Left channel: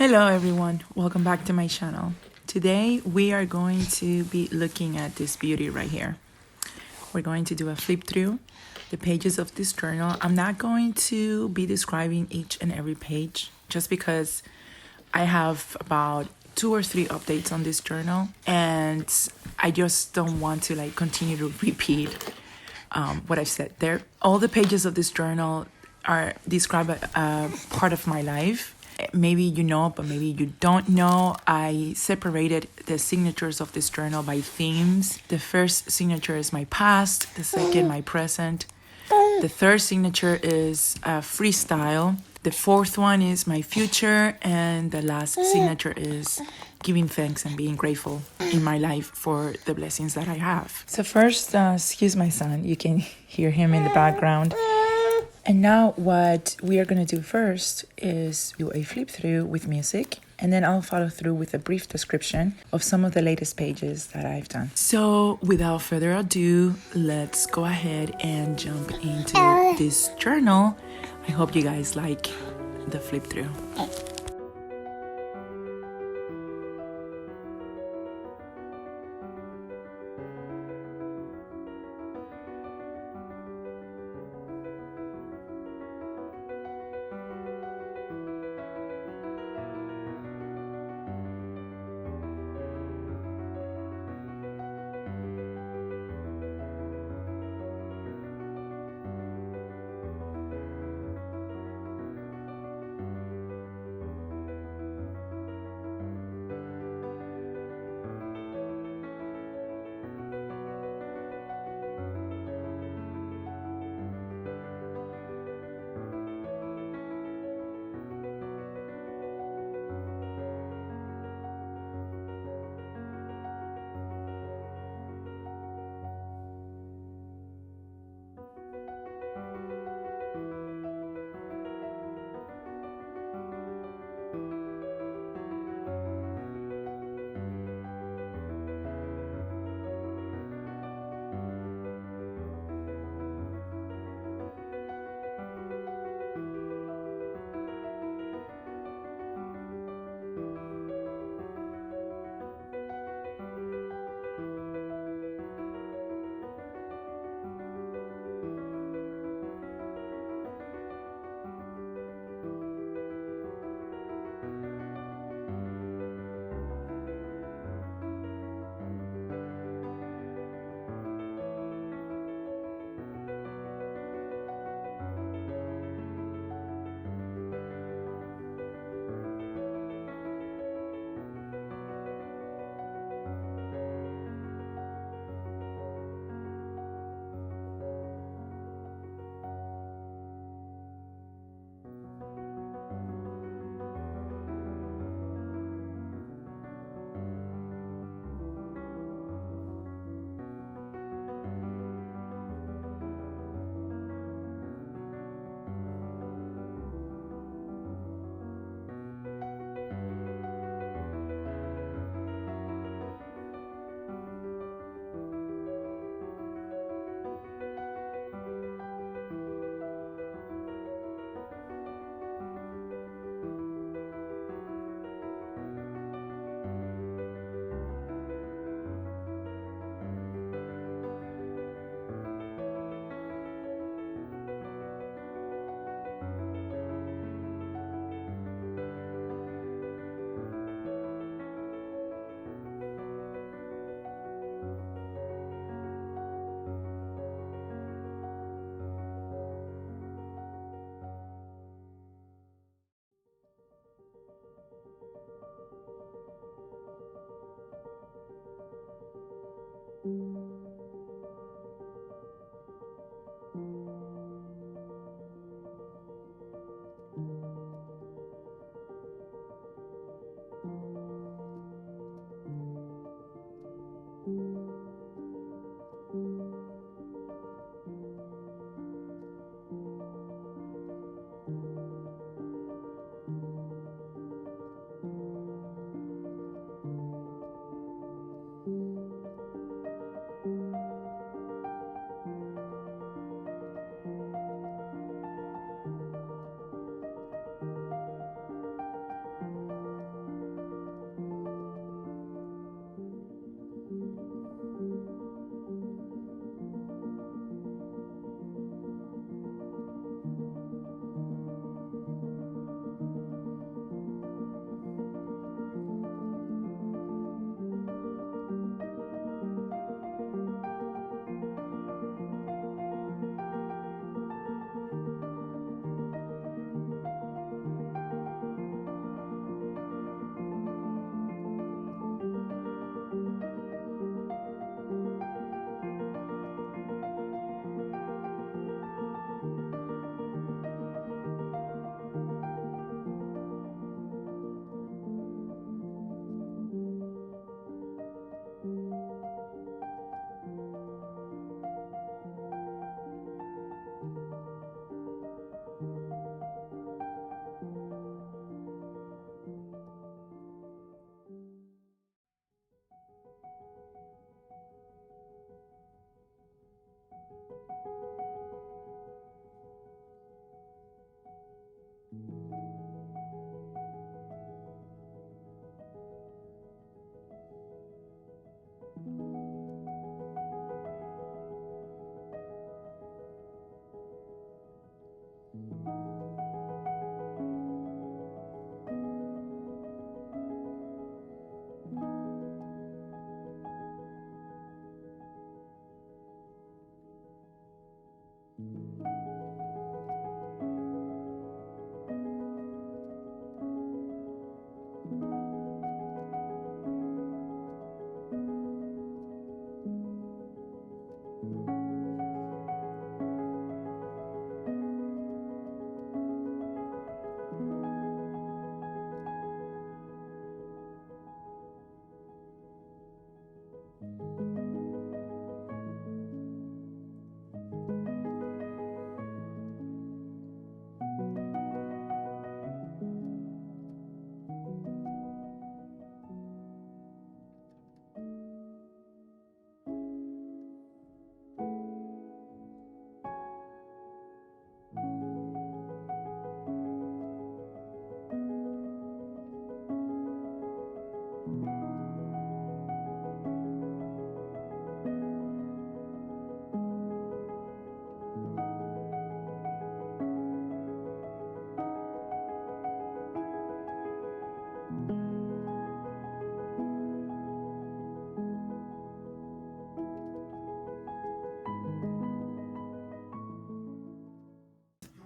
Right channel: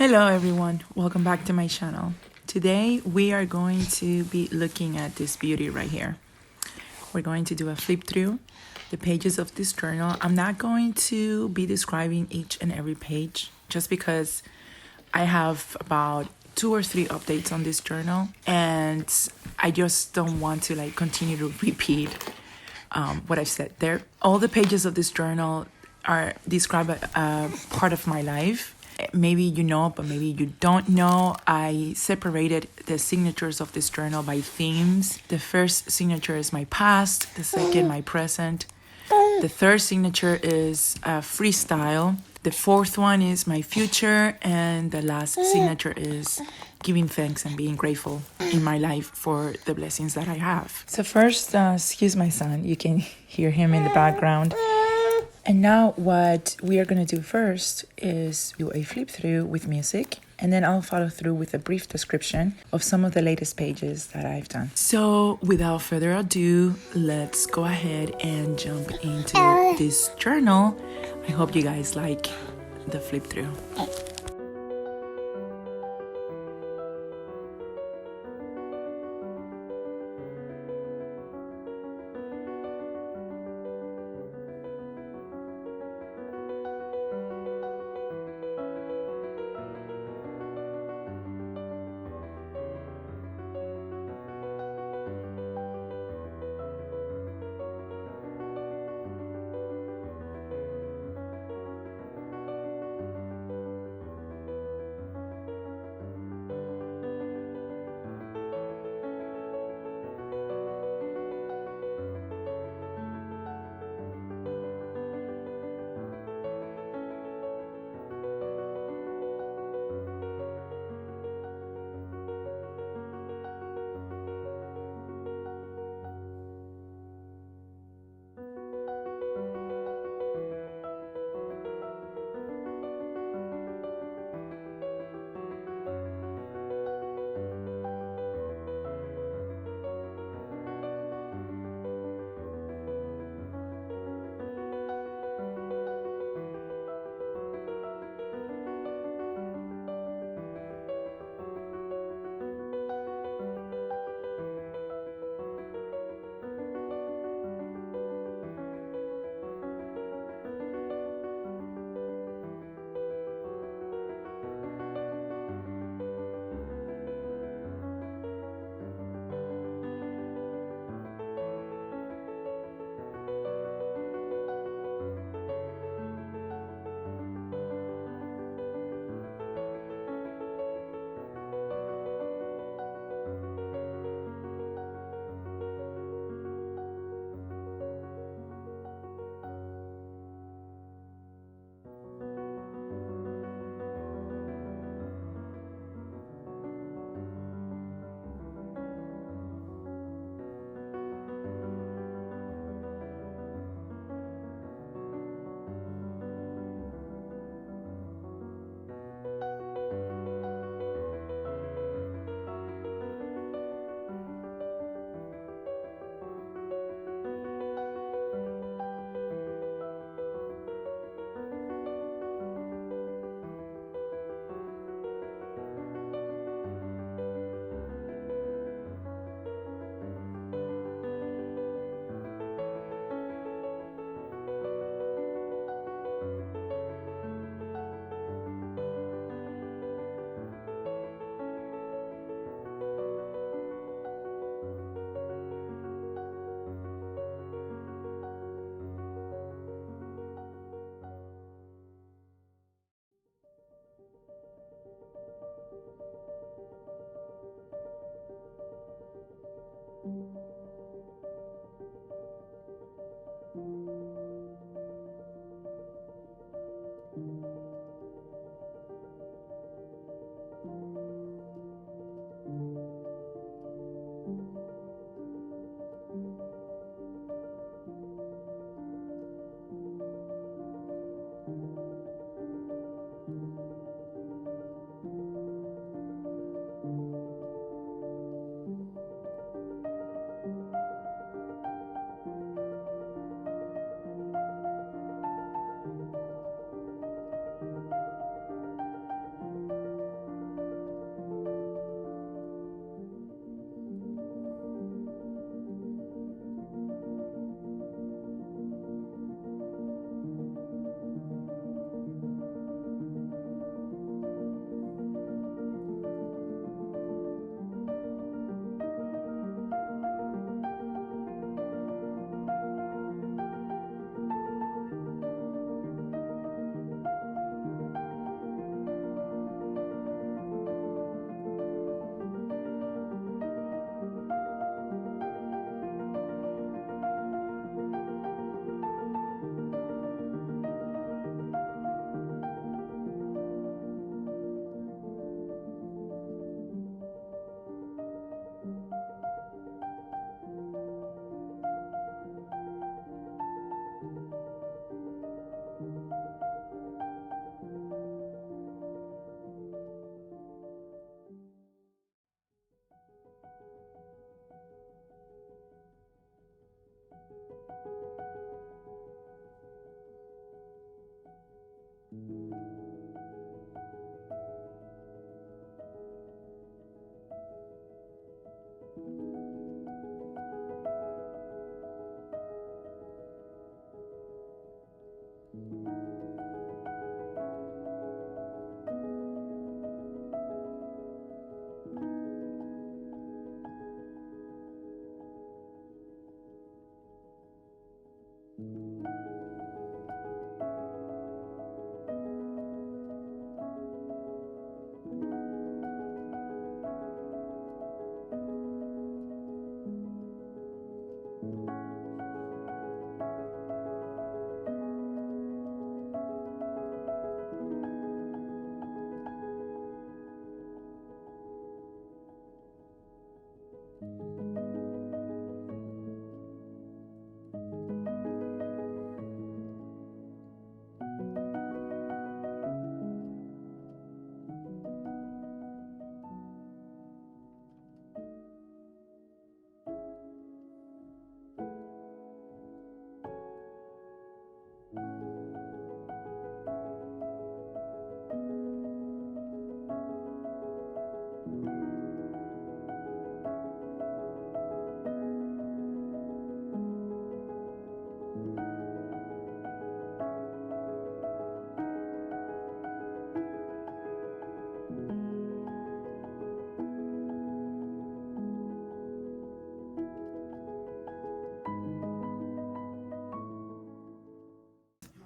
Hello everyone, welcome back to my channel. Today we are going to be looking at this beauty right here. We're going to do a flip through the pages of this journal. I'm not going to be describing each and every page just because I have about 2 or 3 updates on this journal and I just don't want to continue to repeat what I've said there. All the pages of this journal are describe a part of my life. Maybe you know, but maybe you don't know. I separated the signatures of this journal by themes. The first signature is my past, the second my present. The third signature is freestyle. The fourth one is my future, and the last signature is giving thanks and being grateful in my life for the blessings that I have. So first, excuse my son, you can hear him in the background. And now what we are going to do first is do a flip through with music, and then I'll follow through with a brief description of some of the latest pages that I've done. So without further ado, let's go ahead and jump into this journal. I hope you guys like the flip through.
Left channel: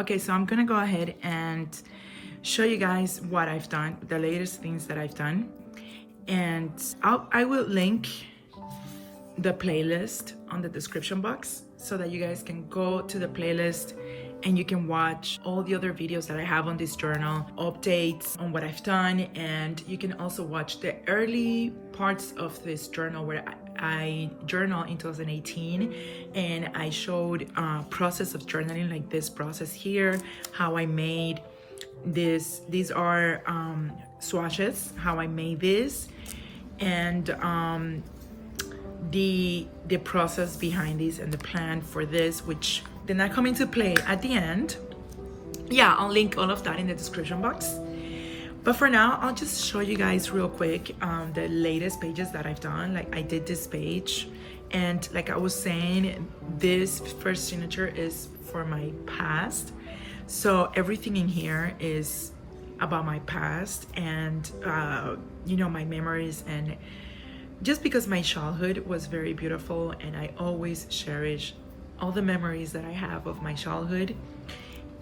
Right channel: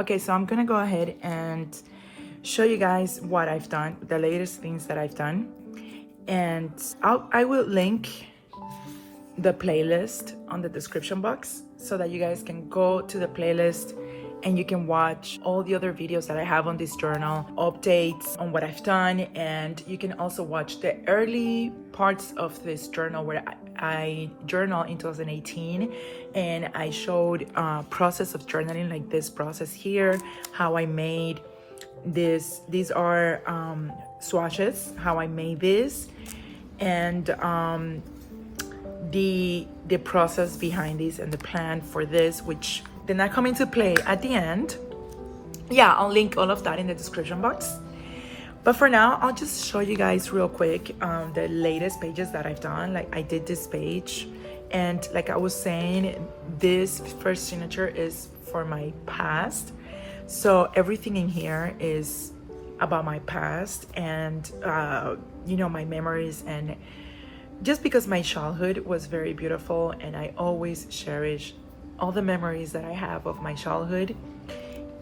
Okay, so I'm gonna go ahead and show you guys what I've done, the latest things that I've done. And I will link the playlist on the description box so that you guys can go to the playlist and you can watch all the other videos that I have on this journal, updates on what I've done, and you can also watch the early parts of this journal where I journal in 2018 and I showed process of journaling, like this process here, how I made this. These are swatches, how I made this, and the process behind this and the plan for this, which did not come into play at the end. Yeah, I'll link all of that in the description box. But for now, I'll just show you guys real quick the latest pages that I've done. Like I did this page, and like I was saying, this first signature is for my past. So everything in here is about my past and you know, my memories, and just because my childhood was very beautiful and I always cherish all the memories that I have of my childhood.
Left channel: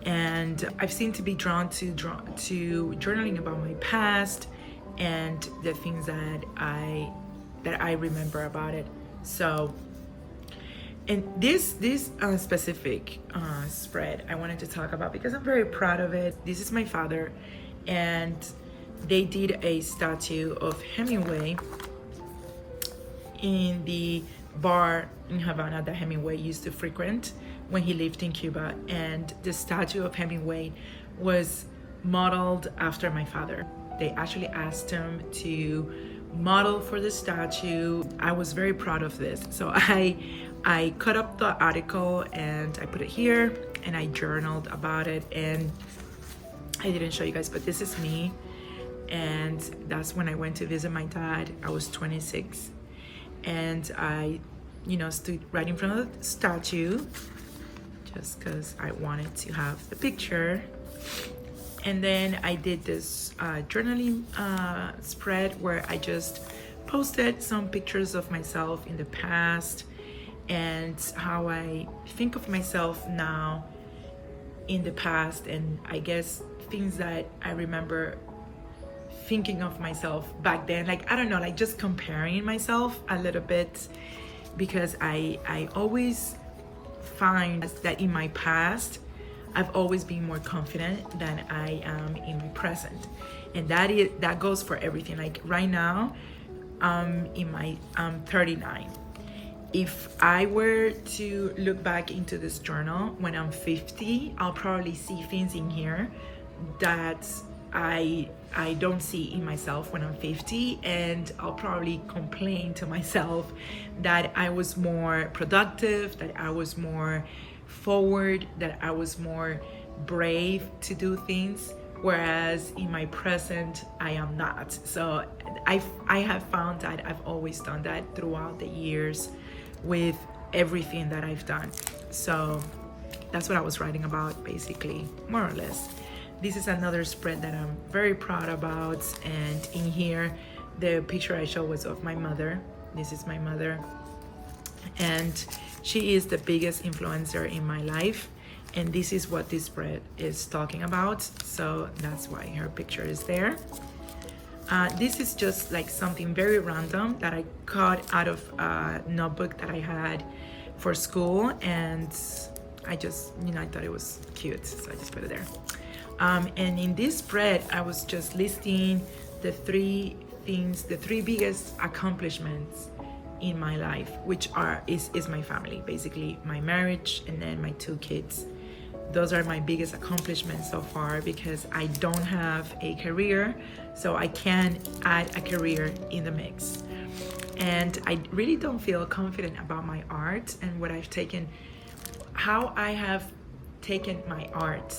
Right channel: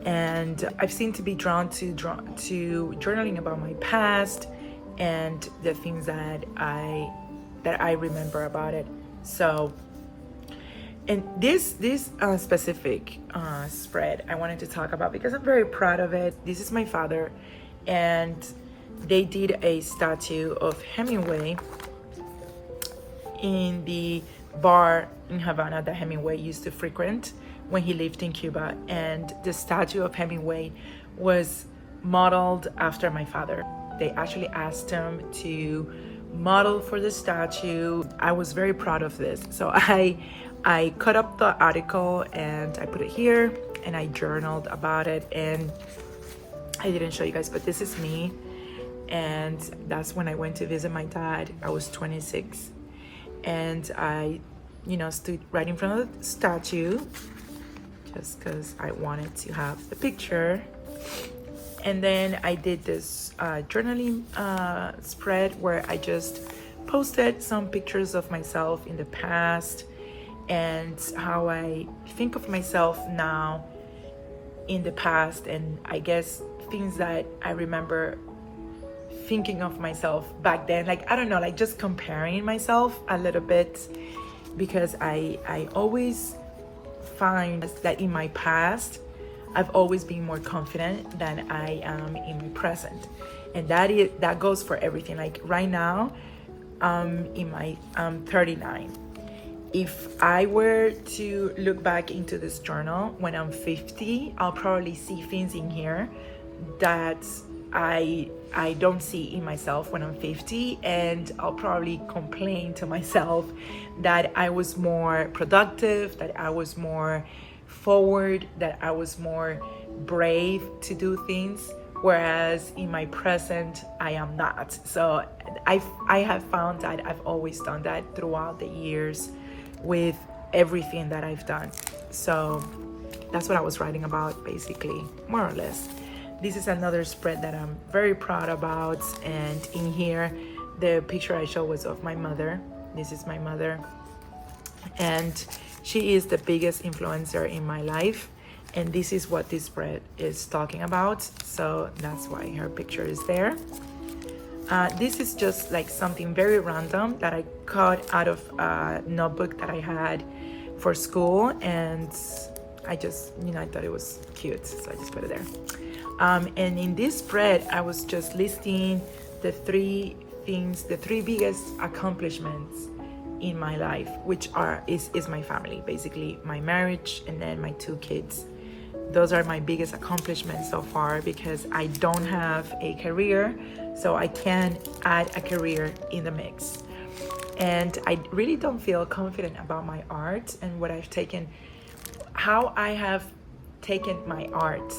And I've seemed to be drawn to journaling about my past and the things that I remember about it. So, and this specific spread I wanted to talk about because I'm very proud of it. This is my father, and they did a statue of Hemingway in the bar in Havana that Hemingway used to frequent when he lived in Cuba. And the statue of Hemingway was modeled after my father. They actually asked him to model for the statue. I was very proud of this. So I cut up the article and I put it here and I journaled about it. And I didn't show you guys, but this is me. And that's when I went to visit my dad. I was 26. And I, you know, stood right in front of the statue just because I wanted to have the picture. And then I did this journaling spread where I just posted some pictures of myself in the past and how I think of myself now in the past, and I guess things that I remember thinking of myself back then. Like, I don't know, like just comparing myself a little bit, because I always find that in my past I've always been more confident than I am in my present, and that goes for everything. Like right now, I'm 39. If I were to look back into this journal when I'm 50, I'll probably see things in here that I don't see in myself when I'm 50, and I'll probably complain to myself that I was more productive, that I was more forward, that I was more brave to do things, whereas in my present I am not. So I have found that I've always done that throughout the years with everything that I've done. So that's what I was writing about, basically, more or less. This is another spread that I'm very proud about, and in here the picture I showed was of my mother. This is my mother, and she is the biggest influencer in my life, and this is what this spread is talking about, so that's why her picture is there. This is just like something very random that I cut out of a notebook that I had for school, and I just, you know, I thought it was cute, so I just put it there. And in this spread, I was just listing the three biggest accomplishments in my life, which is my family, basically my marriage and then my 2 kids. Those are my biggest accomplishments so far, because I don't have a career, so I can add a career in the mix. And I really don't feel confident about my art and what I've taken, how I have taken my art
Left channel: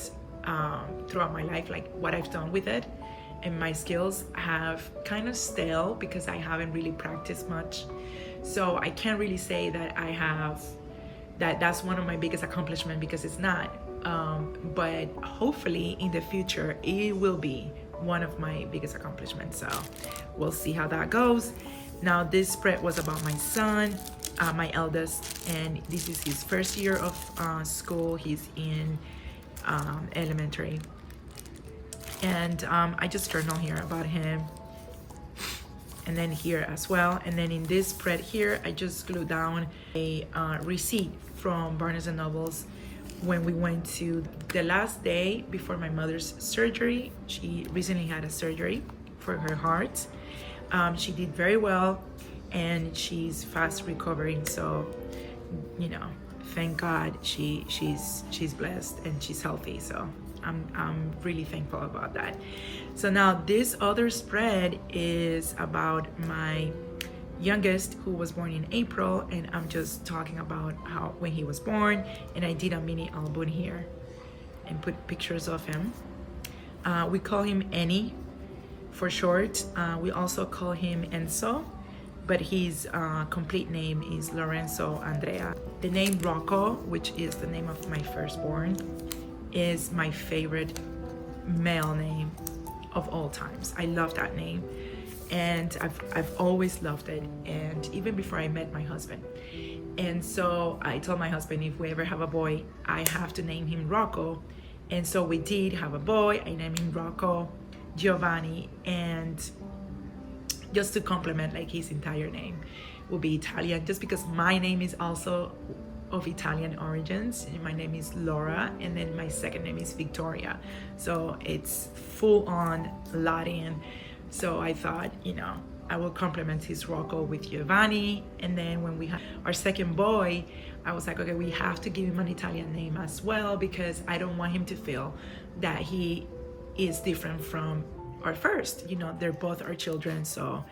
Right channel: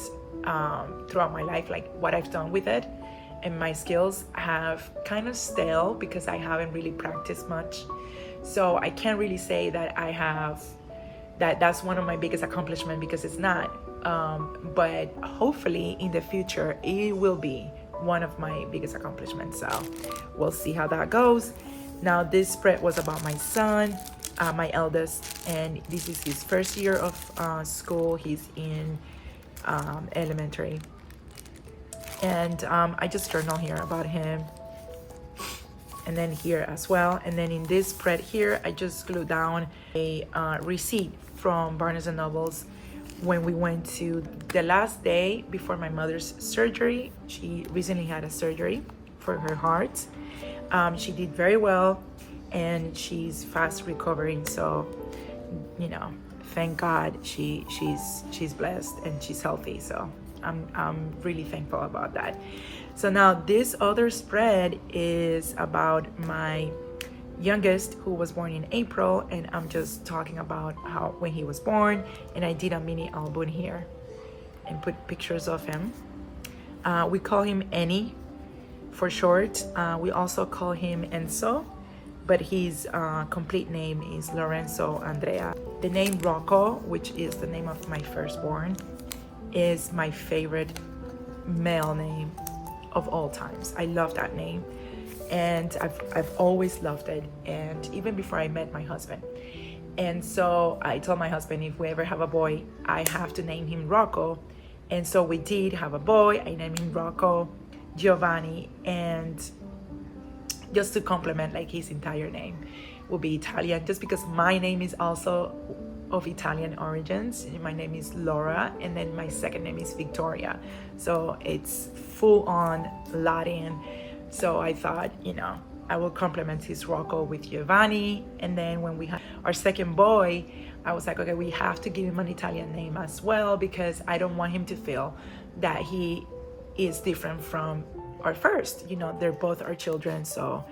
throughout my life, like what I've done with it, and my skills have kind of stale because I haven't really practiced much. So I can't really say that I have that's one of my biggest accomplishments, because it's not. But hopefully in the future it will be one of my biggest accomplishments. So we'll see how that goes. Now this spread was about my son, my eldest, and this is his first year of school. He's in elementary. And I just journal here about him, and then here as well. And then in this spread here, I just glued down a receipt from Barnes and Noble's when we went to the last day before my mother's surgery. She recently had a surgery for her heart. She did very well, and she's fast recovering. So, you know, thank God she's blessed and she's healthy. So I'm really thankful about that. So now this other spread is about my youngest, who was born in April, and I'm just talking about how when he was born, and I did a mini album here and put pictures of him. We call him Ennie for short. We also call him Enzo, but his complete name is Lorenzo Andrea. The name Rocco, which is the name of my firstborn, is my favorite male name of all times. I love that name, and I've always loved it, and even before I met my husband. And so I told my husband, if we ever have a boy, I have to name him Rocco. And so we did have a boy. I named him Rocco Giovanni, and just to complement like his entire name will be Italian, just because my name is also of Italian origins. My name is Laura, and then my second name is Victoria, so it's full on Latin. So I thought, you know, I will complement his Rocco with Giovanni. And then when we had our second boy, I was like, okay, we have to give him an Italian name as well, because I don't want him to feel that he is different from our first. You know, they're both our children. So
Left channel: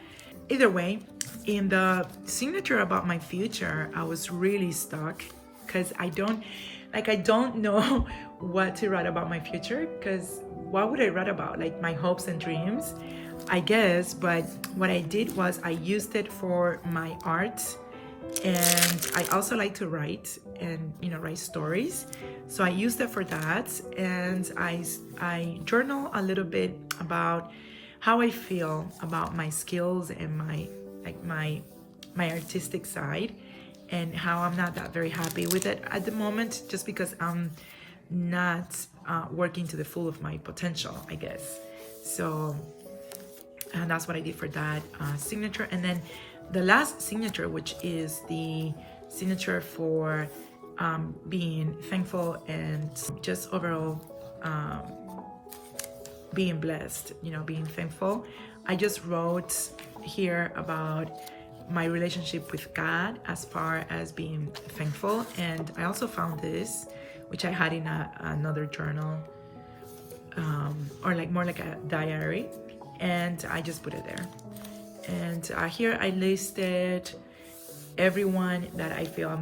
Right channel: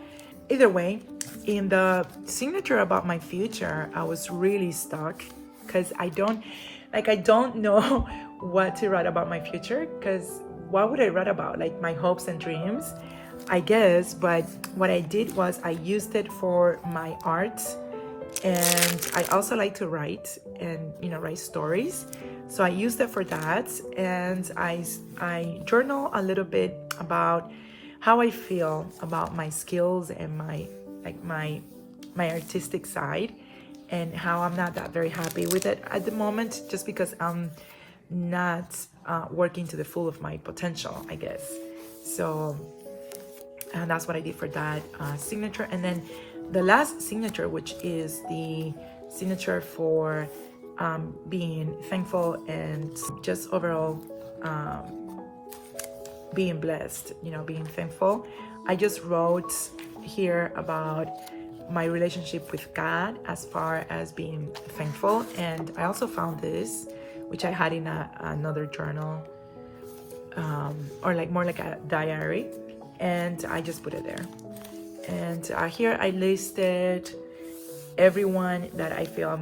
either way, in the signature about my future, I was really stuck because I don't know what to write about my future, because what would I write about? Like my hopes and dreams, I guess. But what I did was I used it for my art, and I also like to write and, you know, write stories. So I used it for that, and I journal a little bit about how I feel about my skills and my artistic side, and how I'm not that very happy with it at the moment, just because I'm not working to the full of my potential, I guess. So, and that's what I did for that signature. And then the last signature, which is the signature for being thankful and just overall being blessed, you know, being thankful. I just wrote here about my relationship with God as far as being thankful. And I also found this, which I had in another journal, or like more like a diary, and I just put it there. And here I listed everyone that I feel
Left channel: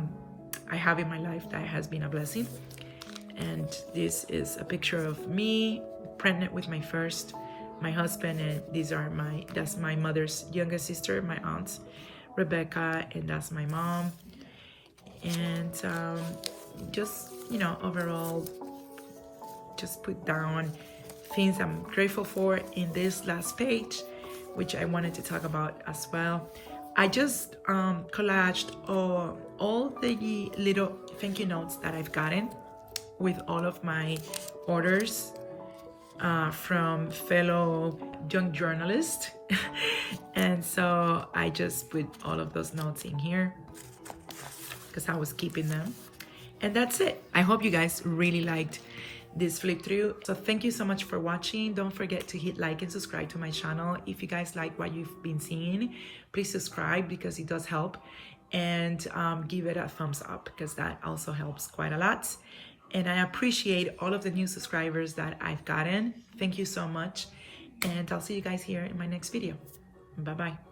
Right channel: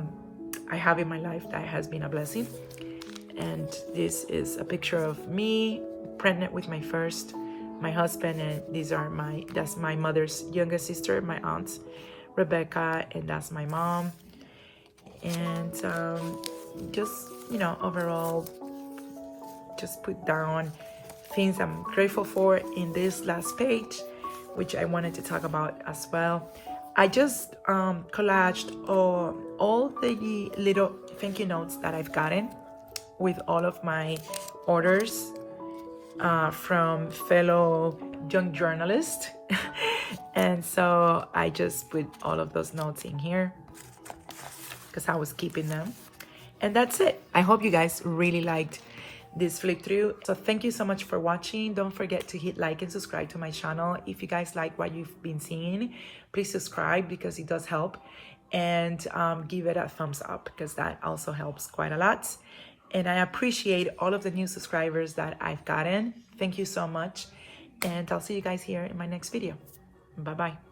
I have in my life that has been a blessing. And this is a picture of me pregnant with my husband, and that's my mother's youngest sister, my aunt Rebecca, and that's my mom. And just, you know, overall, just put down things I'm grateful for in this last page, which I wanted to talk about as well. I just collaged all the little thank you notes that I've gotten with all of my orders from fellow young journalists. And so I just put all of those notes in here because I was keeping them. And that's it. I hope you guys really liked this flip through. So thank you so much for watching. Don't forget to hit like and subscribe to my channel. If you guys like what you've been seeing, please subscribe because it does help, and give it a thumbs up because that also helps quite a lot. And I appreciate all of the new subscribers that I've gotten. Thank you so much, and I'll see you guys here in my next video. Bye bye.